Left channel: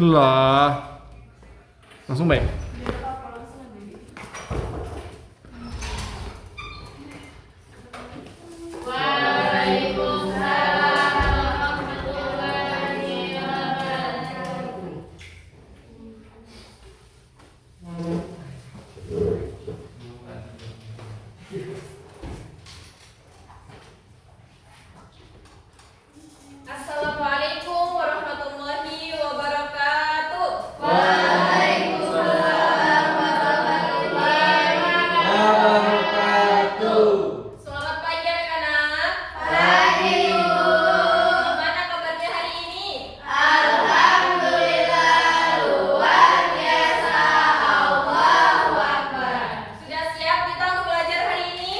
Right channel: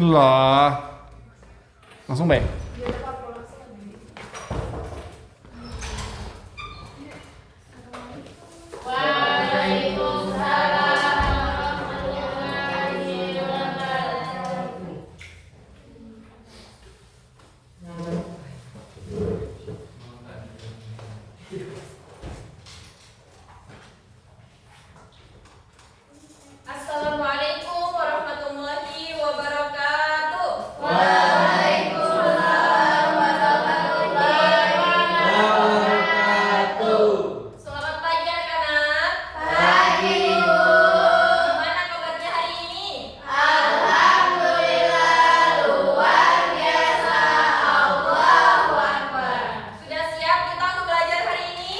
Lah. Langsung baik. Assalamualaikum warahmatullahi wabarakatuh. Waalaikumsalam warahmatullahi wabarakatuh. Selamat pagi anak-anak. Pagi, Bu. Gimana kabarnya hari ini? Alhamdulillah luar biasa. Allahu Akbar. Sudah siap kita untuk belajar hari ini?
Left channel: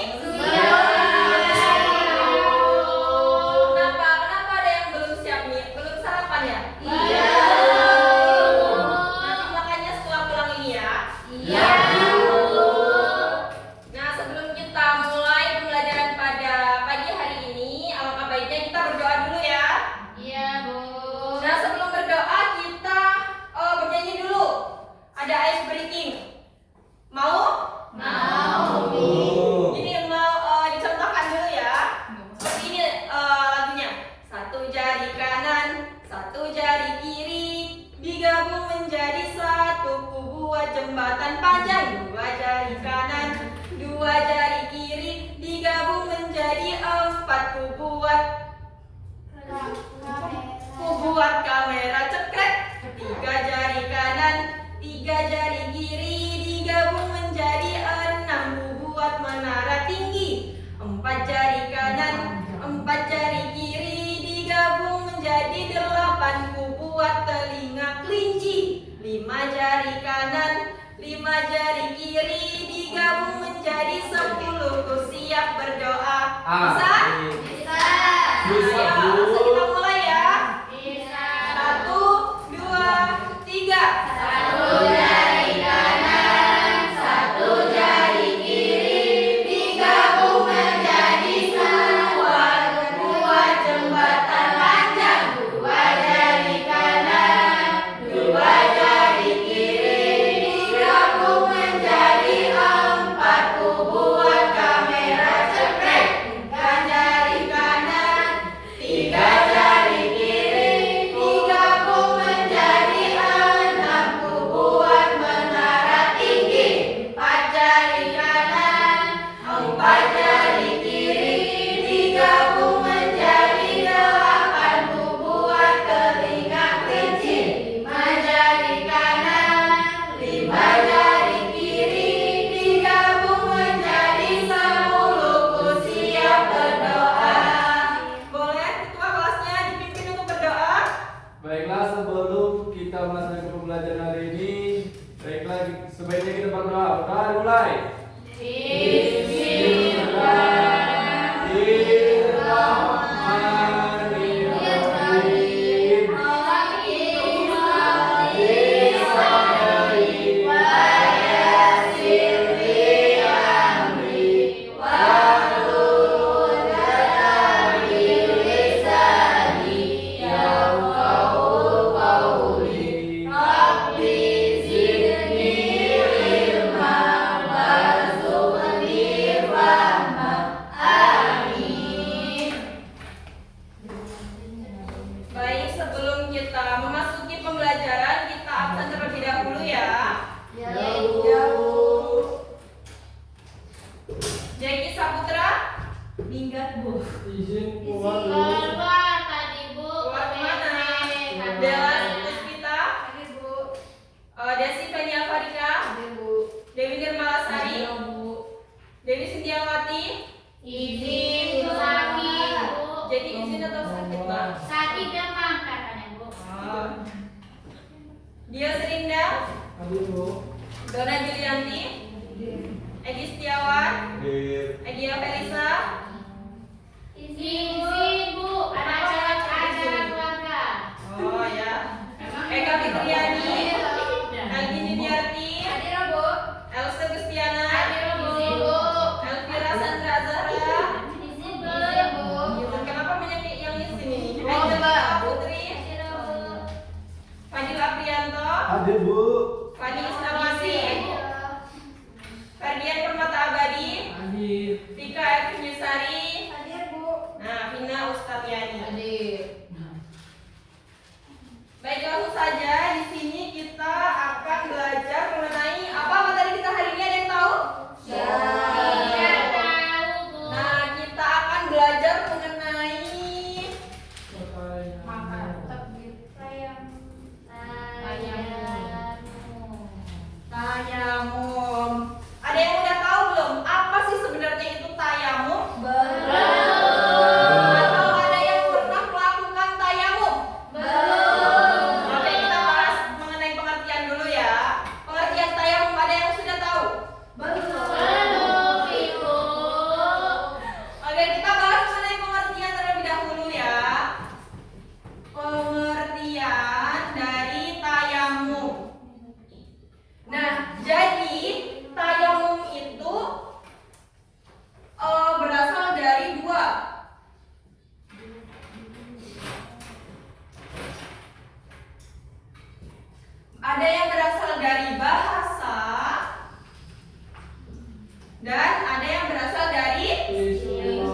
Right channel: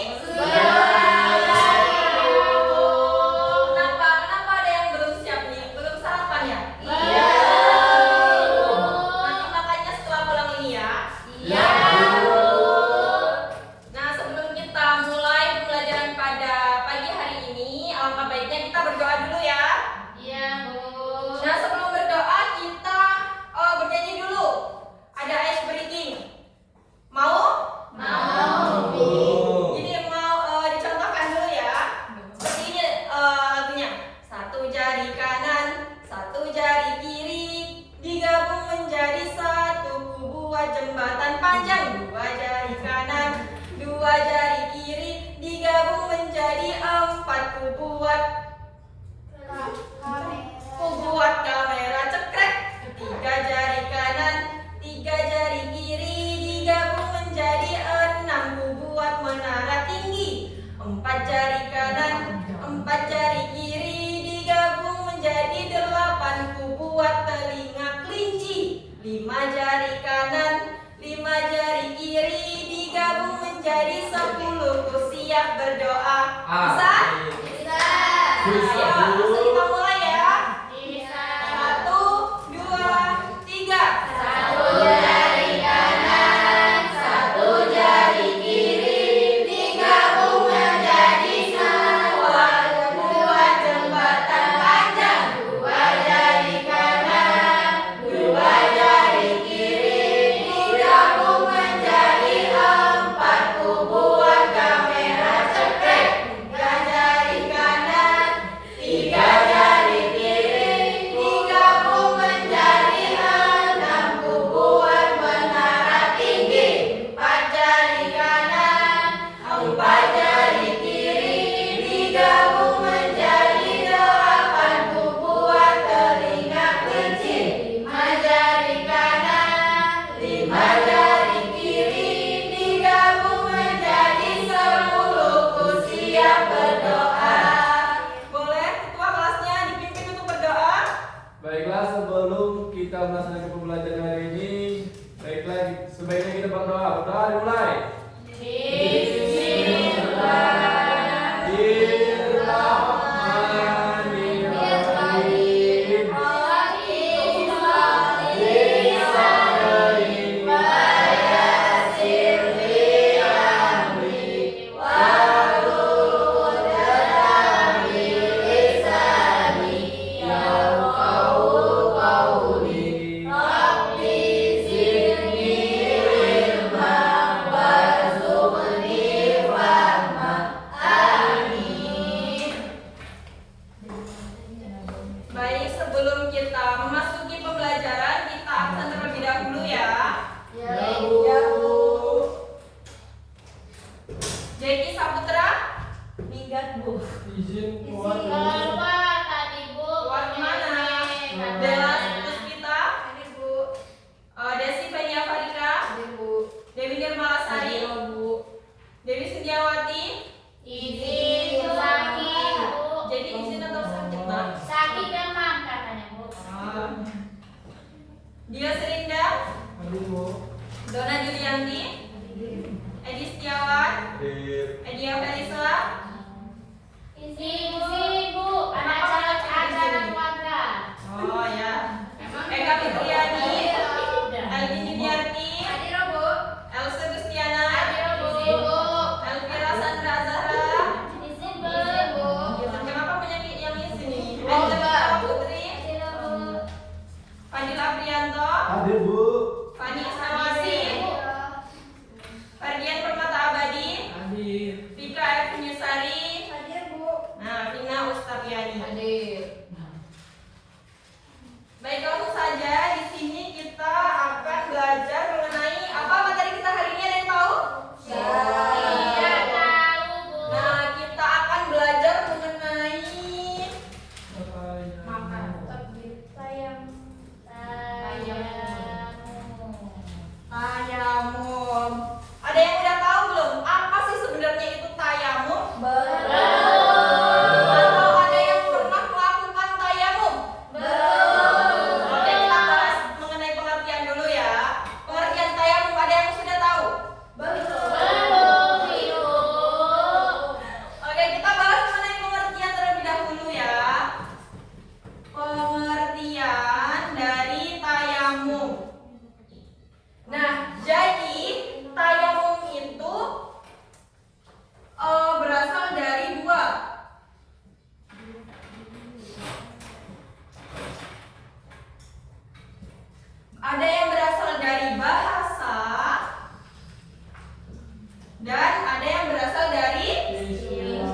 Kenapa ada yang belum siap nih? Belum sarapan ya? Iya. Nanti makannya setelah pulang ini ya. Iya. Nah, sebelum kita mulai pembelajaran pada pagi hari ini, alangkah baiknya kita berdoa dulu ya. Iya, Bu. Nah, sebelum berdoa kita bernyanyi dulu. Ada ice breaking. Mau? Mau, Bu. Jadi mau dicontohkan dulu ya. Seperti ini lagunya. Satu jari kanan, satu jari kiri, digabung menjadi satu, ku buat jembatan panjang. Dua jari kanan, dua jari kiri, digabung menjadi empat, ku buat kamera cekrek. Tiga jari kanan, tiga jari kiri, digabung menjadi enam, ku buat menara tinggi. Empat jari kanan, empat jari kiri, digabung menjadi delapan, ku buat telinga kelinci. Lima jari kanan, lima jari kiri, digabung menjadi 10, ku siap berdoa. Bisa? Bisa. Ayo, langsung kita mulai ya. Bisa. 1, 2, 3. Satu jari kanan, satu jari kiri, digabung menjadi sebuah, buat jembatan panjang. Dua jari kanan, dua jari kiri, digabung menjadi empat, ku buat kamera cekrek. Tiga jari kanan, tiga jari kiri, digabung menjadi enam, ku buat menara tinggi. Empat jari kanan, empat jari kiri, digabung menjadi delapan, ku buat telinga kelinci. Lima jari kanan, lima jari kiri, digabung menjadi 10, ku siap berdoa. Boleh ketua kelasnya dipimpin untuk berdoa? Baiklah, sebelum kita melaksanakan pembelajaran hari ini, baiklah sebaiknya kita berdoa. Berdoa dimulai. Bismillahirrahmanirrahim. Baik, sebelum kita memasuki pembelajaran, kita absen terlebih dahulu ya. Jeki Saputra, minggat Bu. Izin keluar dulu. Keluar mana? Dela Puspita, Desi Fenia Farika, Dewi Nirmalasari, Dewi Sindiawati. Jadi izin atau sakit Mbak? Dia Serinda, Aduh, Bu. Dona Julianti, Edi Setiawan, Edia Felisa, oh ya, Eka Fitriani, Elvi Juliarti, Elsa Gustiana, Elvira Sandra Azhara. Kenapa banyak yang di sini? Angela Putri, Fadila Apriani. dan ada yang berasal dari istilah.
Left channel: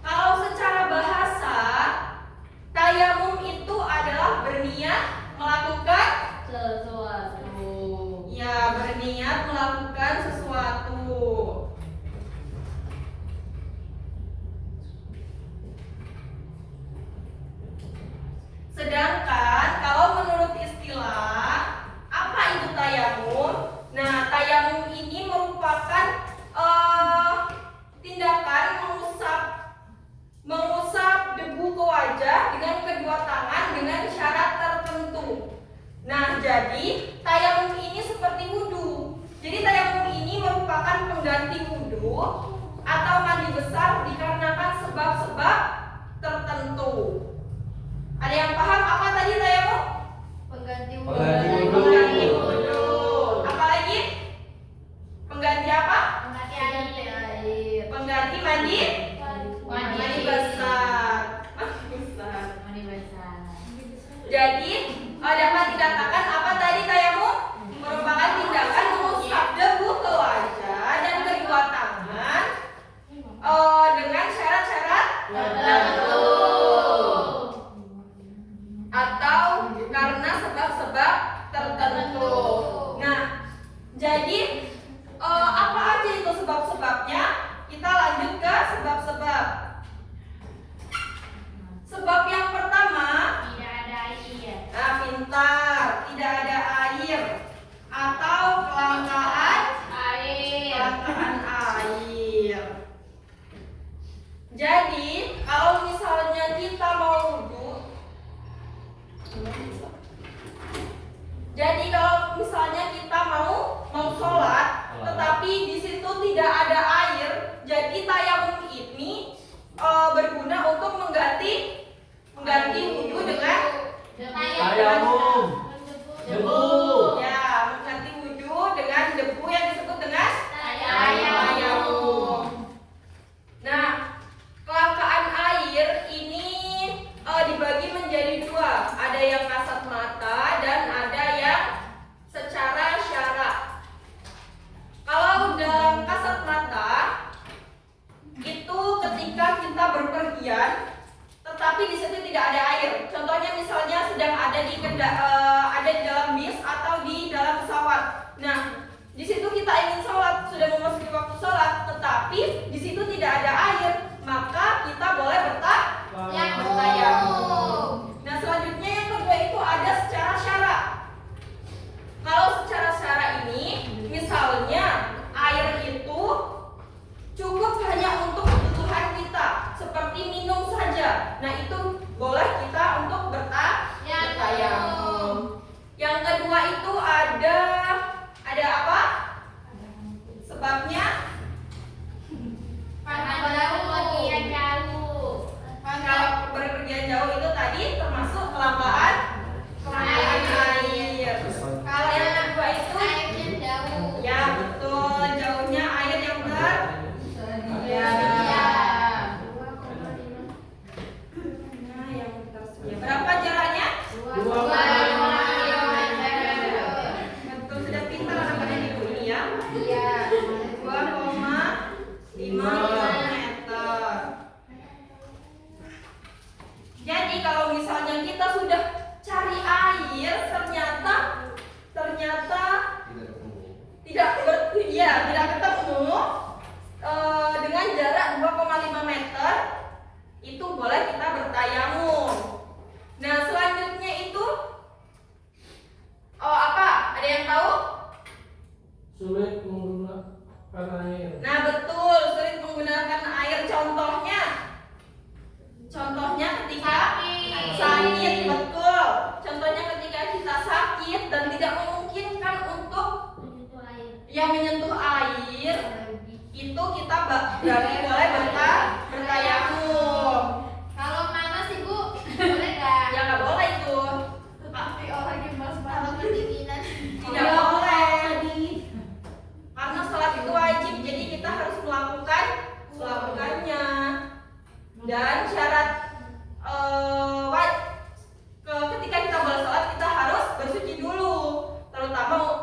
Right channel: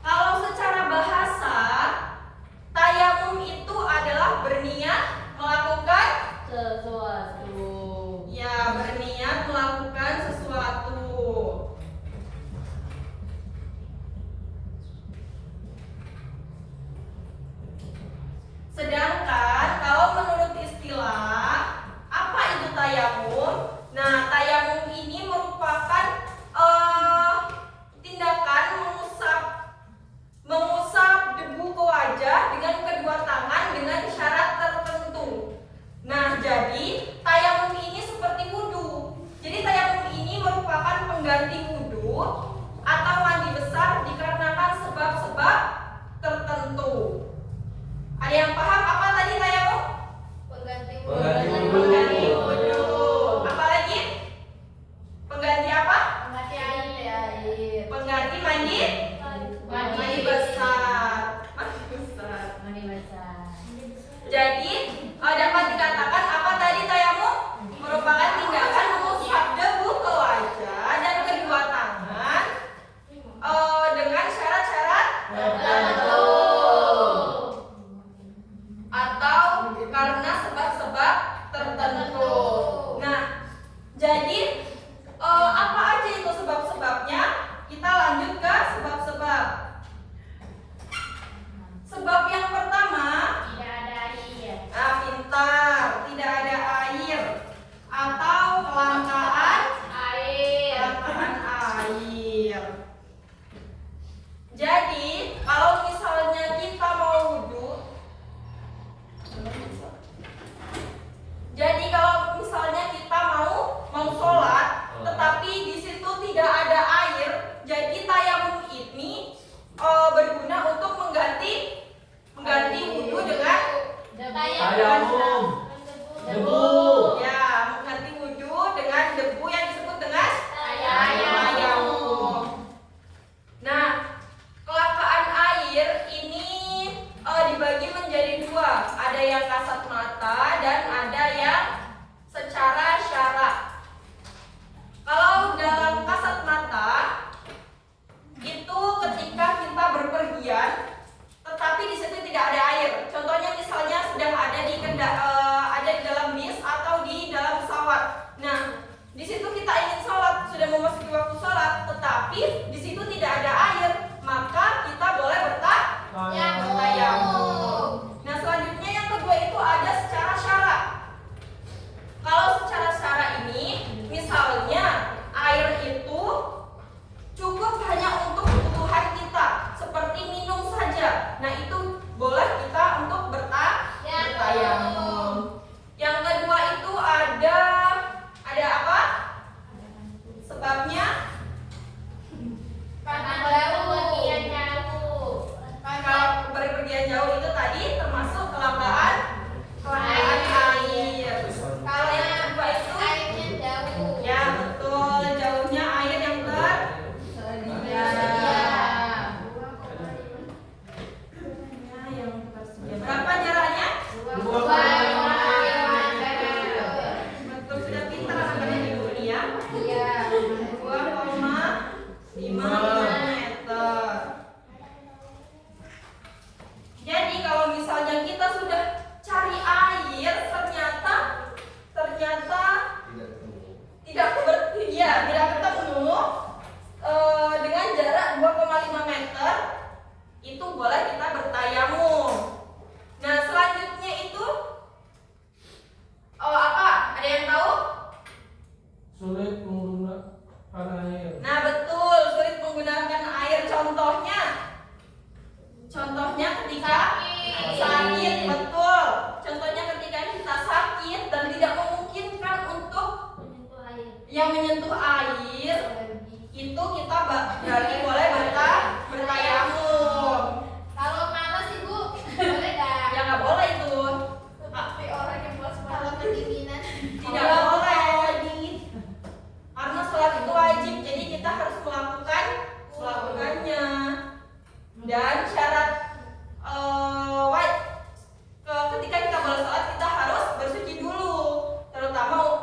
Kalau secara bahasa, tayamum itu adalah berniat melakukan berniat melakukan sesuatu. Sedangkan kalau menurut istilah, apa itu tayamum? Nah, tayamum ini merupakan tindakan mengusap debu ke wajah dengan kedua tangan dengan syarat tertentu. Nah, jadi tayamum ini seperti wudhu. Jadi tayamum ini merupakan pengganti wudhu atau mandi besar dikarenakan sebab-sebab tertentu. Ada yang paham apa tadi tayamum? Pengganti Pengganti wudhu. Apa lagi? Pengganti apa? air. Pengganti mandi besar. Mandi besar. Jadi dapat dikatakan apa tadi tayamum? Merupakan tindakan mengusap debu ke wajah dan kedua tangan dengan syarat-syarat tertentu atau karena sebab-sebab tertentu. Nah, jadi apa aja itu sebab-sebabnya? Kita lanjut ke sebab-sebab. Sebab yang pertama, Tidak ada air. nah, pintar, tidak ada air atau kelangkaan Air. air. Jadi, kalau misalnya kita mau wudhu, jadi kalau misalnya kita mau sholat, tetapi di situ tidak ada air, jadi tayamum ini berguna untuk mengganti wudhu dengan Tayamum. Debu. ya, mengganti wudhu dengan debu yang disebut dengan Tayamum. Nah, kelangkaan air ini dibagi menjadi dua. Ada yang kasat mata dan ada yang secara syara. Kalau dalam kasat mata itu ketika kita berpergian, tetapi di situ tidak ada air. Contohnya misalnya sedang ada di dalam bis atau di dalam pesawat. Nah, di situ kita ingin sholat, sudah memasuki waktu sholat, tetapi di situ tidak ada air, maka kita boleh bertayamum. Nah, selanjutnya yang kedua itu ada secara syara. Kalau secara syara ini, misalnya air itu cukup hanya untuk kebutuhan kita, seperti minum saja. Nah, itu boleh kita untuk bertayamum. Yang kedua itu ada apa? Sebabnya kalau berpergian jauh itu tadi termasuk kelangkaan air. Kalau yang kedua itu ya betul, jauhnya air yang tersedia. Nah, yang tersedia. Berapa jaraknya? Betul, sudah pintar anak-anak ibu ya. 2,5 meter. Jadi kalau misalnya kita sudah cari air, ternyata tidak ketemu dengan jarak 2,5 meter, itu boleh kita bertayamum. Nah, selanjutnya itu apa? Ada yang tahu? Sulit menggunakan air. Nah, betul, sulit menggunakan air. Contohnya ketika sakit, betul. Contohnya ketika kita sakit dan tidak memungkinkan untuk menyentuh air, itu kita berarti boleh bertayamum. Kalau panas Ibu, boleh nggak? Ya nggak boleh itu. Tapi orang yang kalau kedinginan. Tidak boleh. Karena sholat itu wajib, jadi kita harus melakukannya. Dan syarat ketika kita boleh sholat, kita harus bersuci dulu, terutama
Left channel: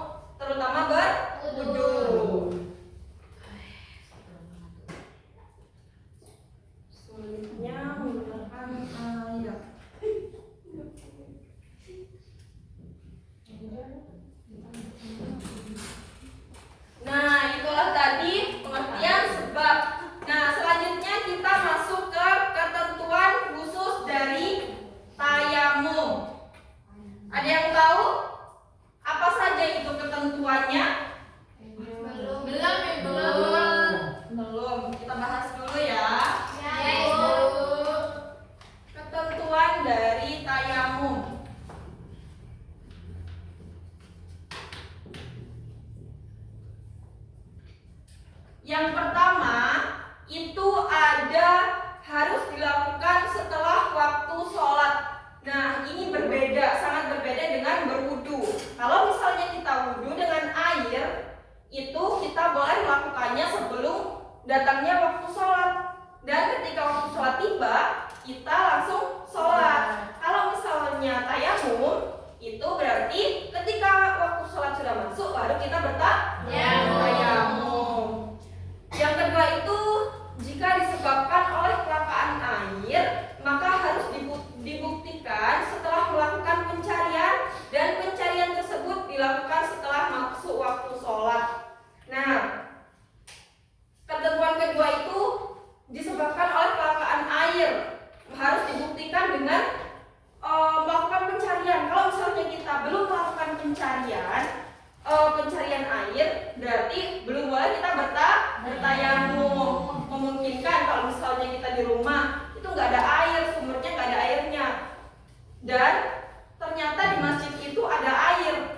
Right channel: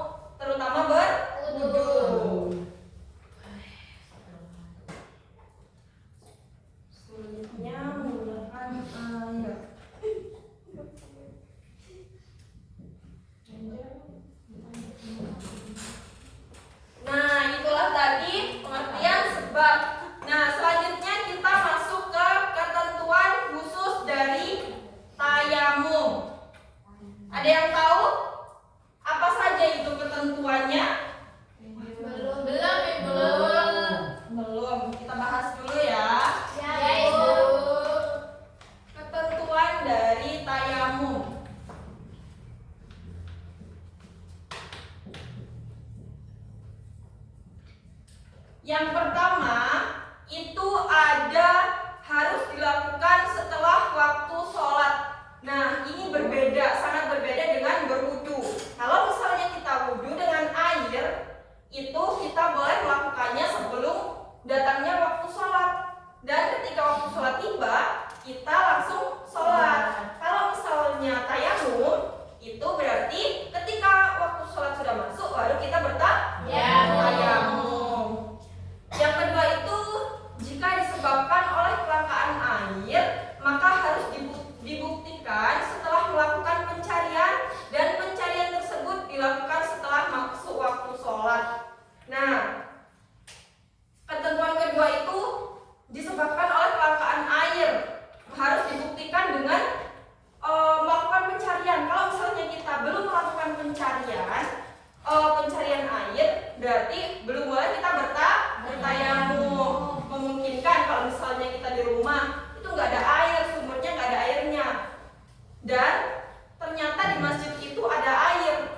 ketentuannya? Belum. Belum. Kita bahas dulu ya. Ya, Ibu. Ketentuan dari tayamum. Yang pertama, itu ada harus dilakukan setelah waktu sholat. Nah, ini berbeda, sangat berbeda dengan berwudu. Kalau misalnya kita wudu dengan air, itu kita boleh melakukannya sebelum datangnya waktu sholat. Dan ketika waktu sholat tiba, kita langsung sholat. Kalau misalnya tayamum, itu berarti ketika waktu sholat sudah masuk, baru kita bertayamum. Yang kedua itu, jika disebabkan oleh kelangkaan air, maka harus dibuktikan setelah melakukan pencarian, dan pencarian tersebut dilakukan setelah masuk waktu sholat. Nah, ketentuan kedua itu disebabkan oleh kelangkaan air, harus dibuktikan dengan melakukan pencarian. Kalau misalnya kita belum melakukan pencarian air, berarti belum boleh kita bertayamum. Memungkinkan kalau misalnya kita di rumah itu nggak ada air, sumbernya nggak ada airnya, dan ternyata di masjid itu ada air.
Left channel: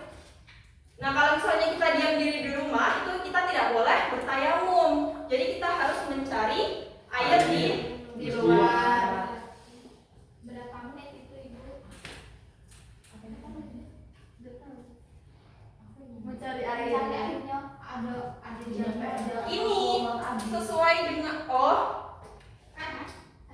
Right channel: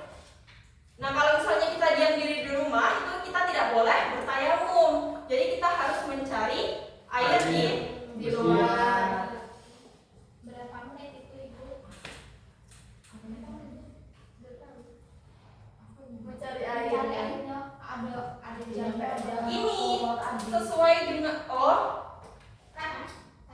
Nah, kalau misalnya kita diam diri di rumah, itu kita tidak boleh bertayamum. Jadi kita harus mencari air di luar. Berapa menit itu, Ibu? Mencari air. Ada Ini sesuai dengan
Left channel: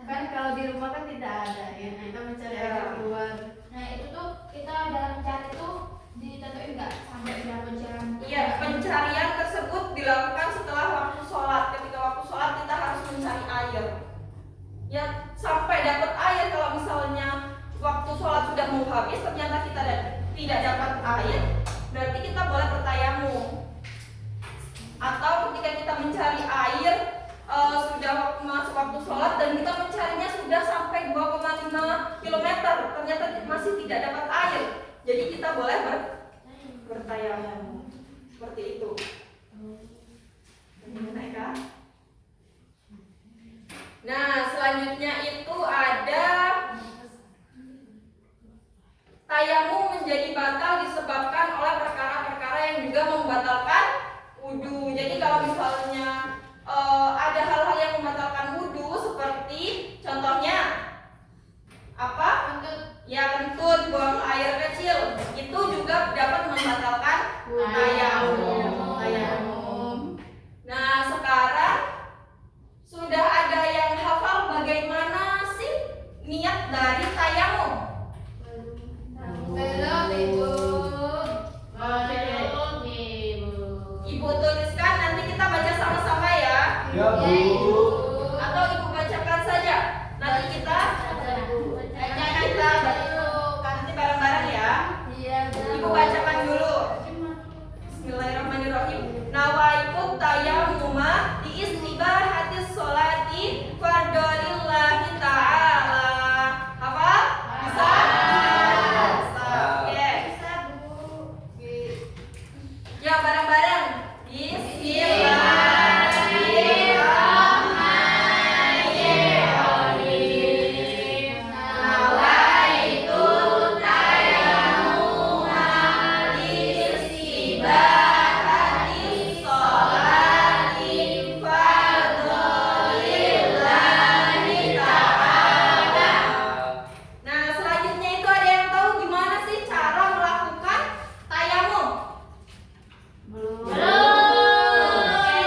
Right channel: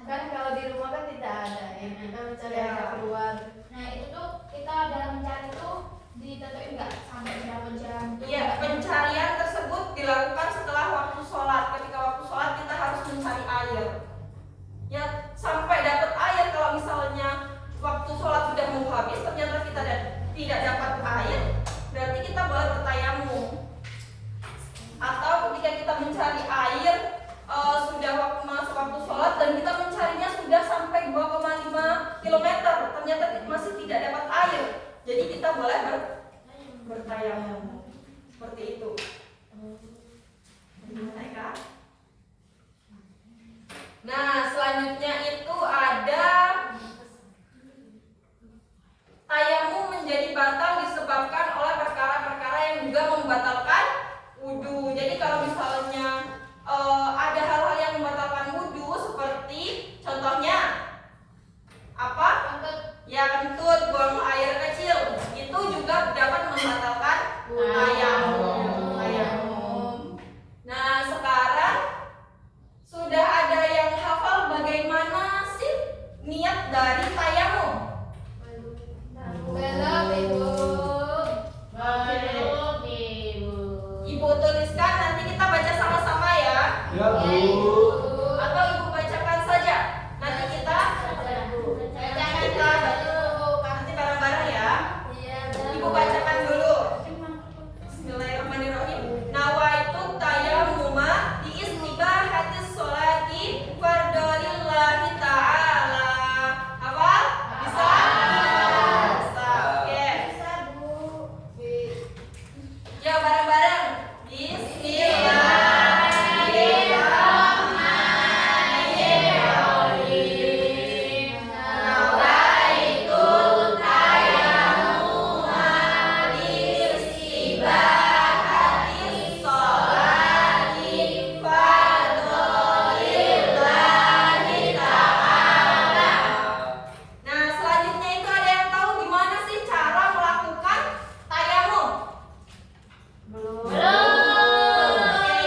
Kan kalau di rumah kan tidak ada ya, kita mencari air keluar. Nah, itu tuh kita dalam mencari itu ditentuin nggak sampai berapa jam? Iya, pencarian tersebut dilakukan setelah waktu sholat. Ketika waktu sholat kita harus mencari air. Ya, sampai dapat air. Kalau misalnya waktu sholat sudah mau habis, ternyata kita tidak dapat air, berarti kita boleh bertayamum. Atau ketika kita mencari air sudah masuk waktu sholat dan kita mencarinya sudah sampai 2,5 km, ternyata masih tidak dapat air, jadi kita boleh bertayamum. Seperti itu. Nah, selanjutnya itu ada tayamum menjadi batal disebabkan oleh perkara-perkara yang juga membatalkan wudu. Jadi kalau misalnya ada hal-hal yang membatalkan wudu, seperti contohnya apa? Ya, kentut, buang air kecil, itu juga dapat membatalkan tayamum. Nah, sekarang sudah ada yang hafal bagaimana sih niat dari tayamum? Belum, Ibu. Ibu tuliskan, nanti kita baca sama-sama ya. Ya, Bu. Atau Ibu bacakan saja. Nanti kita nanti bareng-bareng ya. Ibu bacakan dulu. Bismillahirrahmanirrahim. Nawaitu tayammuma di istibahatis sholati fardholillahi ta'ala. Hafal? Bisa? Bisa. Oke. Ya, bareng-bareng. Bismillahirrahmanirrahim. Nawaitu tayammuma di istibahatis sholati fardholillahi ta'ala. Nah, selanjutnya itu ada yang tahu gimana sih cara melakukan tayamum? Oke,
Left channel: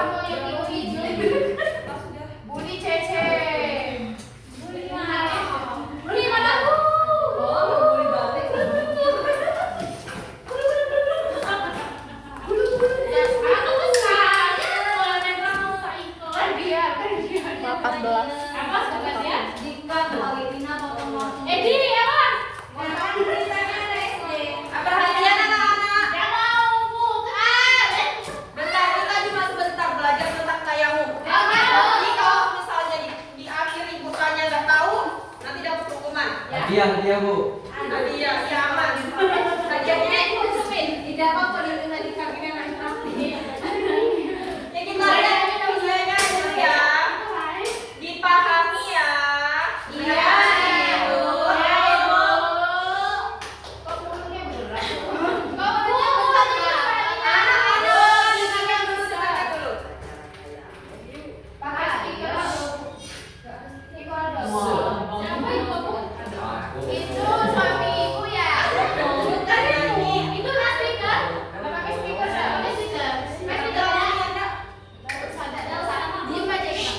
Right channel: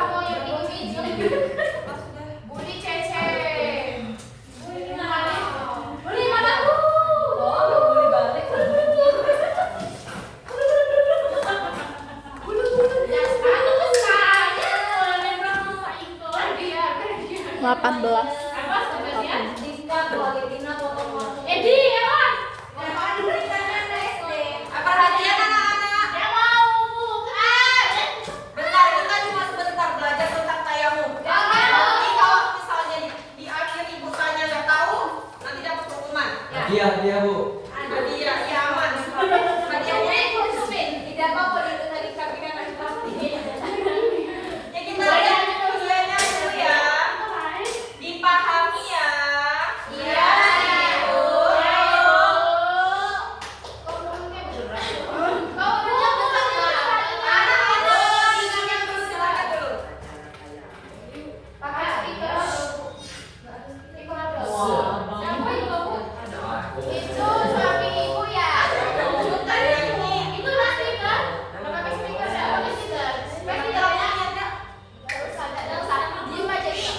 sama yang itu Budi Cece. Budi mataku. Edi, apa? Apa hadiah anak-anak? Yang mau bukan. Bentar, kita cuma sebentar belajar tentang tayamu. Yang mau. Nanti kalau misalnya di akhir ibukannya nggak tahu, nanti dapat hukuman. Hadiah Bu. Hadiah, ya aman. Hadiahnya itu Tidak apa-apa dia tadi kakinya naik pasti. ya kita lihat videonya dulu ya. Dipahami ya. Iya, Ibu. Kok ngomongnya berat? Kau ngomongnya berat. Anak-anak, dengarkan dulu, dengarkan dulu. Pakai stiker atau stiker ada? Siapa itu, Bu? Itu suami ibu ya? Bukan ini. Itu nggak stiker? Pakai stiker nggak? Pakai stiker. Pakai stiker apa? Nggak usah, nggak usah. Diem aja kita.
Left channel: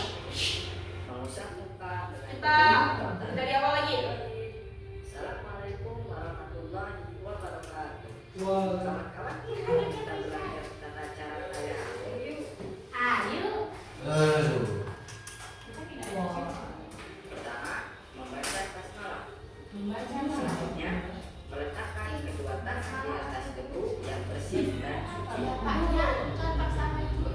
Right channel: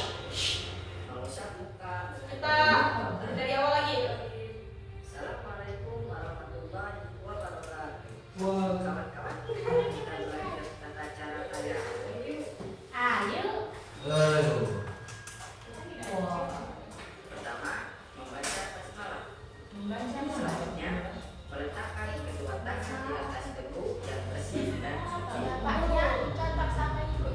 Kita dari awal lagi. Assalamualaikum warahmatullahi wabarakatuh. Wah. Kawan-kawan, kita belajar tata cara kaya. Ayo. Aduh. Pertama, membaca basmalah. Selanjutnya, meletakkan kedua tangan di atas debu yang bersih dan suci. Paknya contoh sama ibu.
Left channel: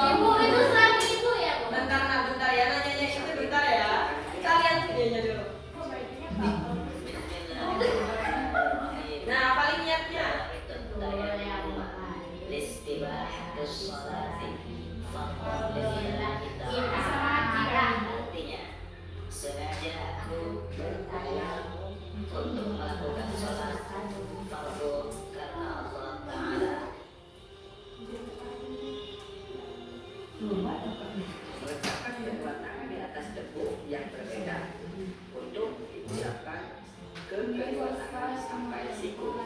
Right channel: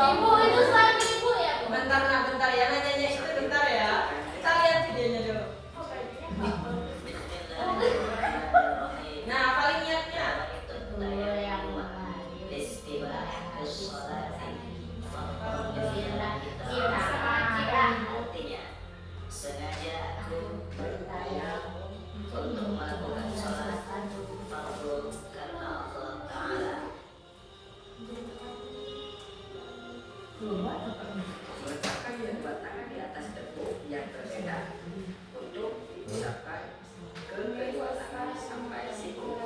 Ibu itu suami ibu ya, Bu? Bentar, nah, bentar ya. Nanyanya itu bentar ya. Kita lihat videonya dulu. Nah, paling niatnya. Artinya, sengaja aku bertayamum untuk melakukan sholat fardu karena Allah Ta'ala. Meletakkan kedua tangan di atas debu yang berbeda untuk diucapkan ke kedua tangan sampai siku.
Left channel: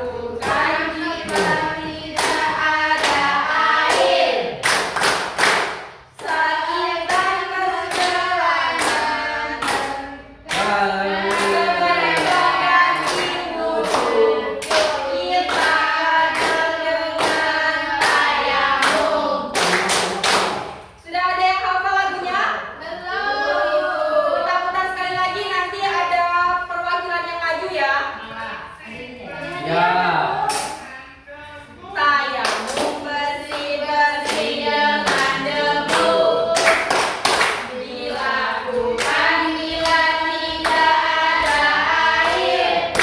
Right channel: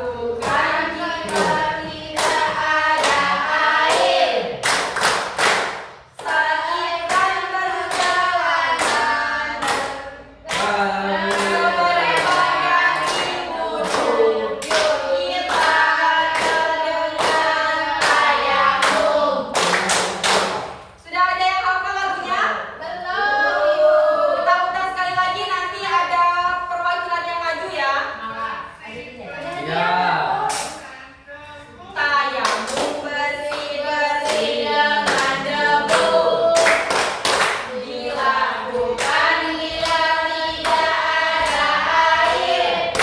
Dilakukan jika tidak ada air. Sakit dan perjalanan sudah ada yang hafal lagunya? Putar-putar sekali lagi, nanti ada perwakilan yang maju ya. Ya. Tayamum bersih-bersih dengan debu dilakukan bila tidak ada air.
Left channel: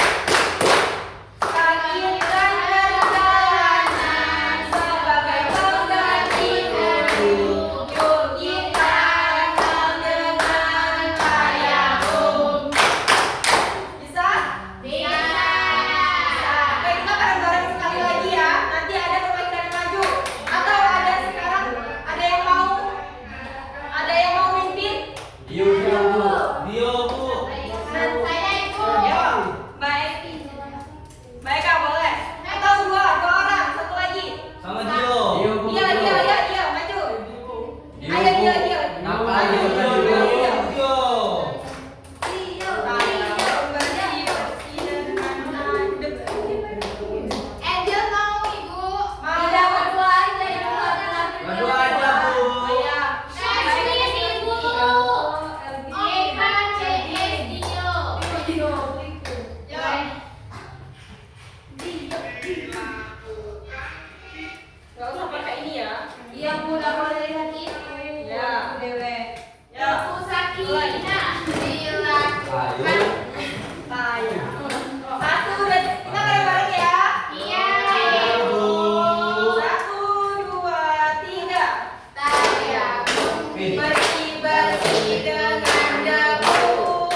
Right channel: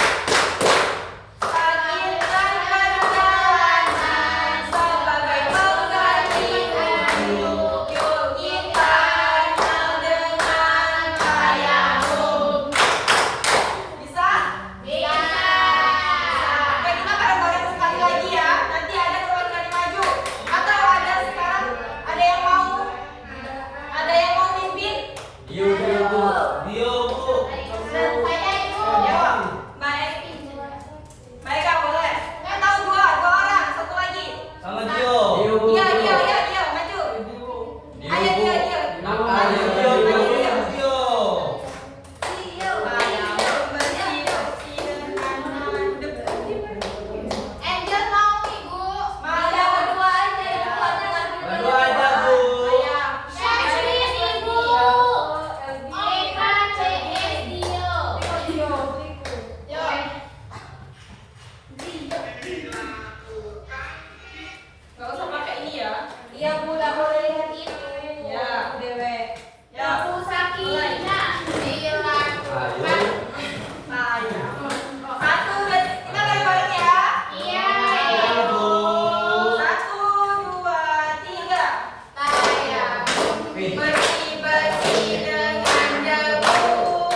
Sakit dan perjalanan sebagai pengganti wudhu, yuk kita dengan tayamum. Bisa? Oke, kita bareng-bareng sekali lagi ya. Nanti ada perwakilan yang maju. Atau ada sekarang ada yang mau mimpin? Dio Bu. Ya, baik. Baik, Kak, boleh. Atau dua orang, satu lagi. Sama Dio. Dia, maju. Ayo, dia. Tayamum bersih-bersih dengan debu. Angel mau Ibu. Mau. Berdua aja ya. Berdua aja, Bu. Iya. Shakespeare Ibu. Eka CS Dio. Gak usah pakai ini ya. Iya Bu, nggak boleh lihat itu. Ya, Dewe. Ya. Aku Sakinah dilakukan. Tayamum. Satu, kita bareng-bareng ya. Iya. Satu, dua, tiga. Tayamum Bersih-bersih dengan debu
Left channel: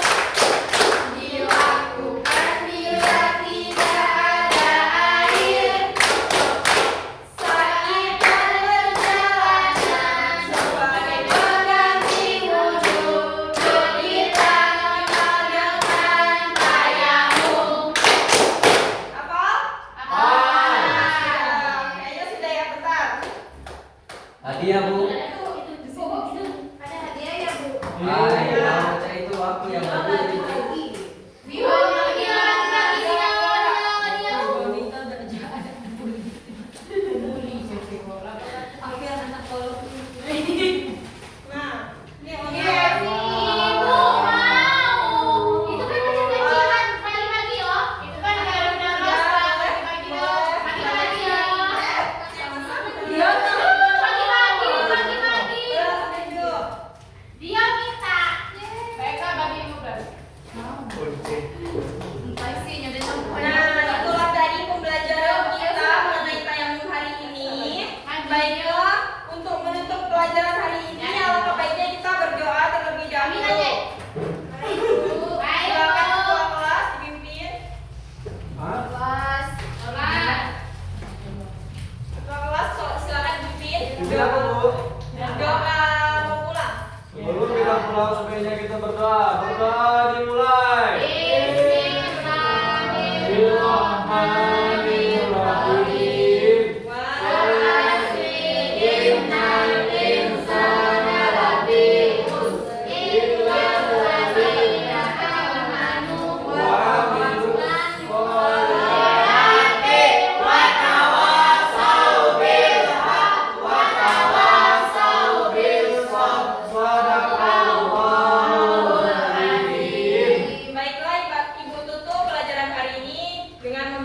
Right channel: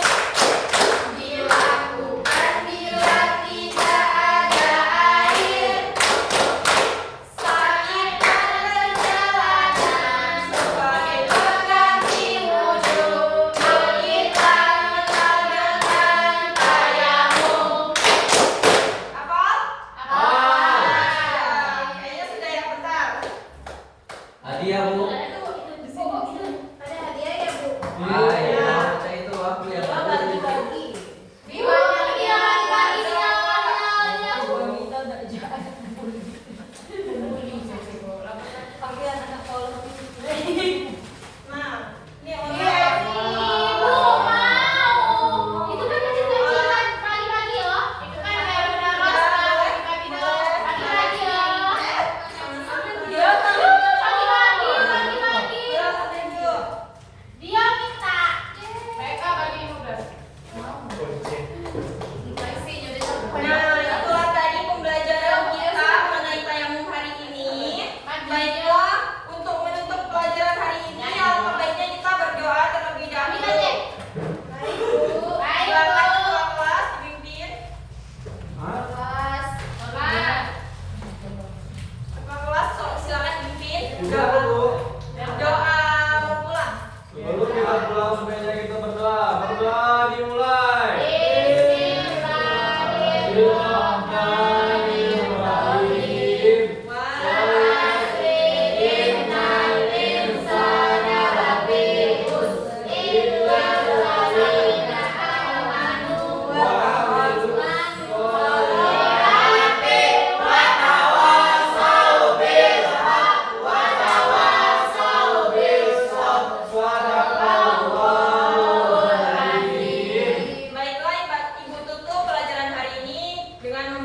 dilakukan bila tidak ada air. sakit dan perjalanan sebagai pengganti wudhu, kita dengan tayamum. Hafal? Kayaknya sudah ya, bentar. Hadiah, Bu. Ada hadiah ya Bu? Baca itu api ya, Bu. Nah, ini mau Ibu mau. Itu kan kecil-kecilan pagi-pagi loh. Itu kan kayak pagi-pagi loh. Pagi-pagi loh. Dia Pagi-pagi. Dia minta. Mereka bagi Ibu berapa? Nah, itulah tadi pembelajaran kita mengenai tayamum hari ini. Baiklah, untuk menutup pelajaran hari ini, alangkah baiknya kita berdoa terlebih dahulu. Silakan ketua kelas dipimpin. Ketua kelas, silakan dipimpin. Sudah, Bu. Doa mau pulang. Sebelum kita pulang, sebaiknya kita berdoa. Berdoa dimulai. Bismillahirrahmanirrahim. Baiklah, Ibu tutup pelajaran hari ini dengan